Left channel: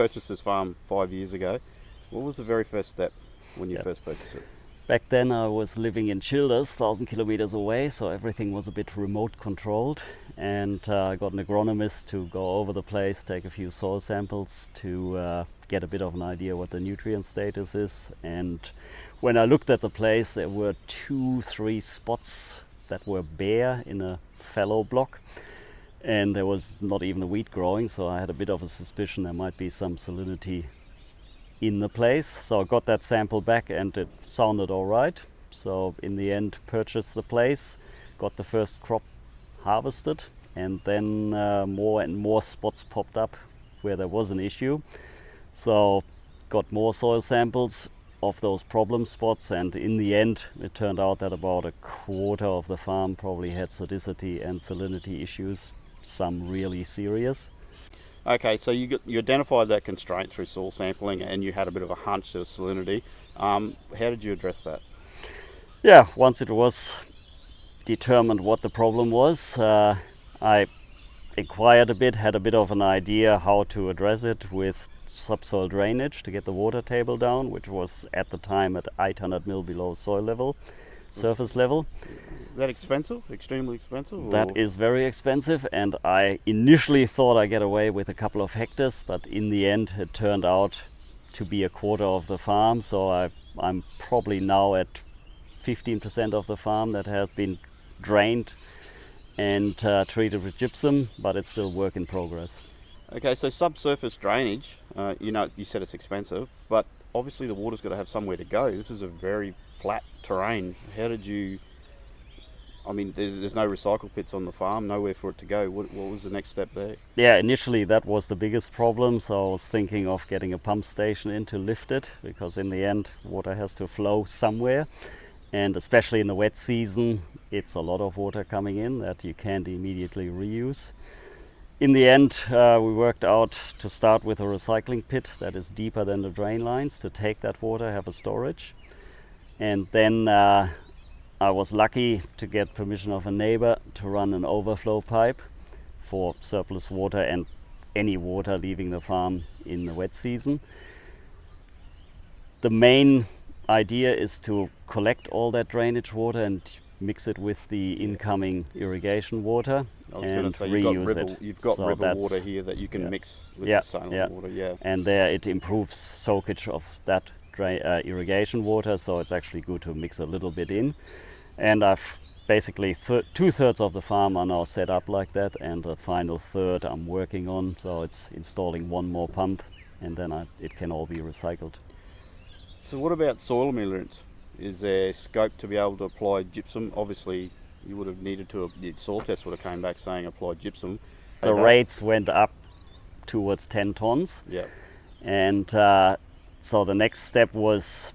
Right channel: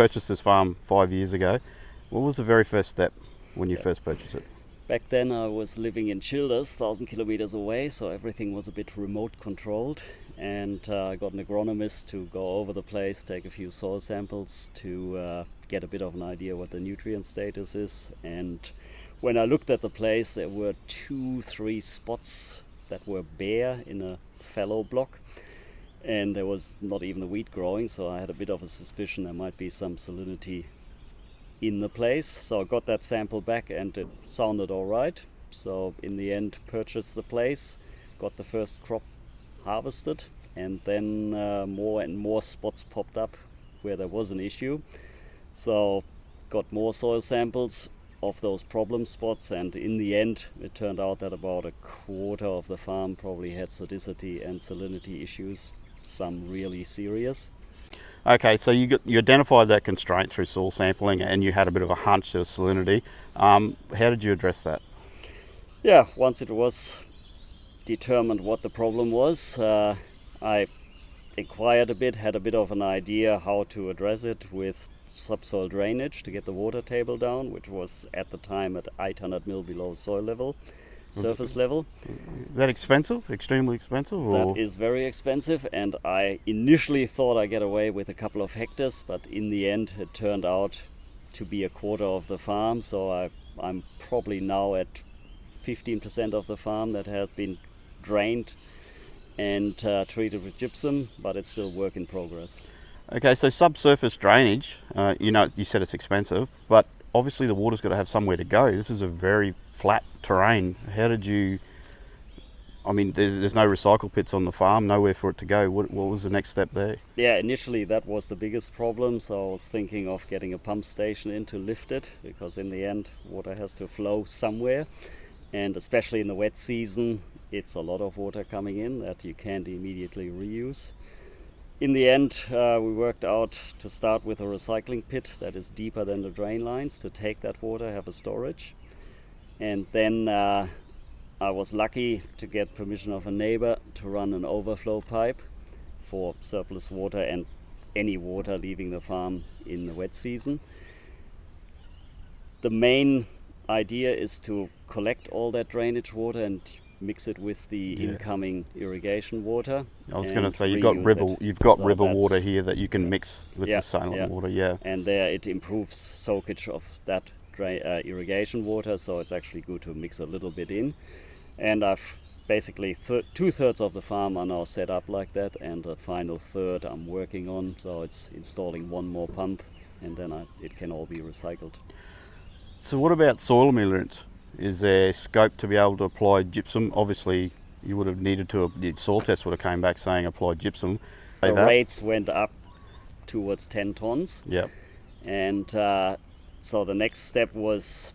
purchased this farm 5 years ago. What was the very first step when you first purchased it? Back then I was living in Childers, 1,000 kilometers away, so everything was a bit remote controlled, and I got an agronomist to go over the place, take a few soil samples to get a bit of an idea what the nutrient status is. And when I looked at the place, there were 2-3 spots that were bare in a fallow block, and there was not even a wheat growing, so I had a bit of a suspicion there might be some salinity in the place. So I got that sample back and it sounded all right. So in the end, purchased the place, got the first crop harvested, and then more and more spots popped up where there was an issue. So got more soil samples of those problem spots, and in the end it turned out that about a quarter of the farm probably had sodicity and salinity issues, some really serious. Okay, so you identified that constraint through soil sampling, and you had a bit of a hunch of salinity. How did you address that? Yeah, once it was determined what the problem was, I inquired a bit, had a bit of an idea how to address it with subsoil drainage to get the water table down, which was at the time at 800 mil below soil level, surface level. Is that expensive? Extremely expensive? Or? That is very expensive, and I initially thought I'd get away with a couple of hectares, but in the end it turned out to be a quarter of the farm, so I'm probably now at 15% of the farm that has been drained and treated with gypsum, but it's still work in progress. Okay, so subsurface drainage, you said it's expensive, but obviously the water's got to have somewhere to go. This is a very flat terrain. How did you, there's no recycle pits on the farm, nowhere for it to go. What was the next step there? Yeah, initially that was the biggest problem, so I was thinking of getting a pump station in to lift it, because in the end water has to flow somewhere, and especially in the wet season it's a lot of water coming in that you can't immediately reuse. In the end, we worked out to start with a recycling pit that is deeper than the drain lines to take that water, have a storage. And then I was lucky to get permission of a neighbor to run an overflow pipe for surplus water and any water leaving the farm in the wet season. The main idea is to collect all that drainage water and mix it with the incoming irrigation water. I was going to say you've got river water here that you can mix with the saline water. Yeah, and there it improves soakage of that irrigation water, so it's actually good to mix a little bit in. And I've basically 2/3 of the farm are now set up like that, and the final third I'm working on, so it's installing one more pump, and then it can all be recycled. So what about soil ameliorants? Is there scope to be able to apply gypsum? Obviously you would have needed to, the soil test would have came back saying apply gypsum. The rates went up towards 10 tons. Yeah. And so the next step was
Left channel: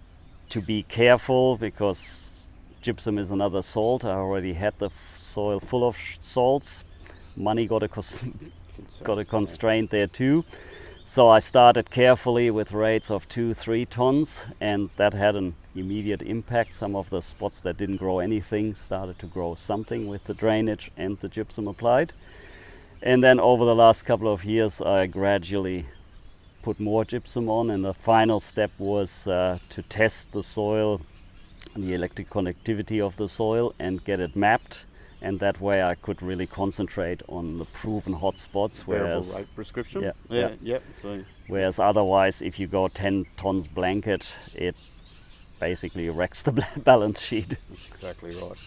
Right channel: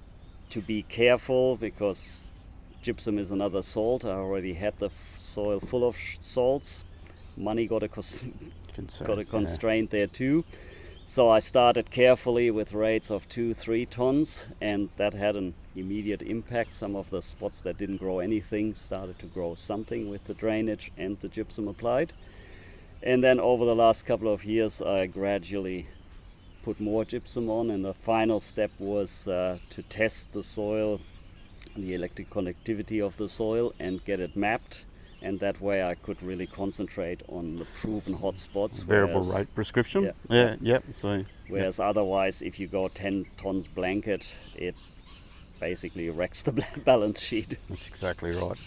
to be careful, because gypsum is another salt. I already had the soil full of salts. Money got a constraint there too. So I started carefully with rates of 2-3 tons, and that had an immediate impact. Some of the spots that didn't grow anything started to grow something with the drainage and the gypsum applied. And then over the last couple of years I gradually put more gypsum on, and the final step was to test the soil, the electric conductivity of the soil, and get it mapped. And that way I could really concentrate on the proven hot spots. Variable rate prescription? So, whereas otherwise, if you go 10 tons blanket, it basically wrecks the balance sheet. That's exactly right.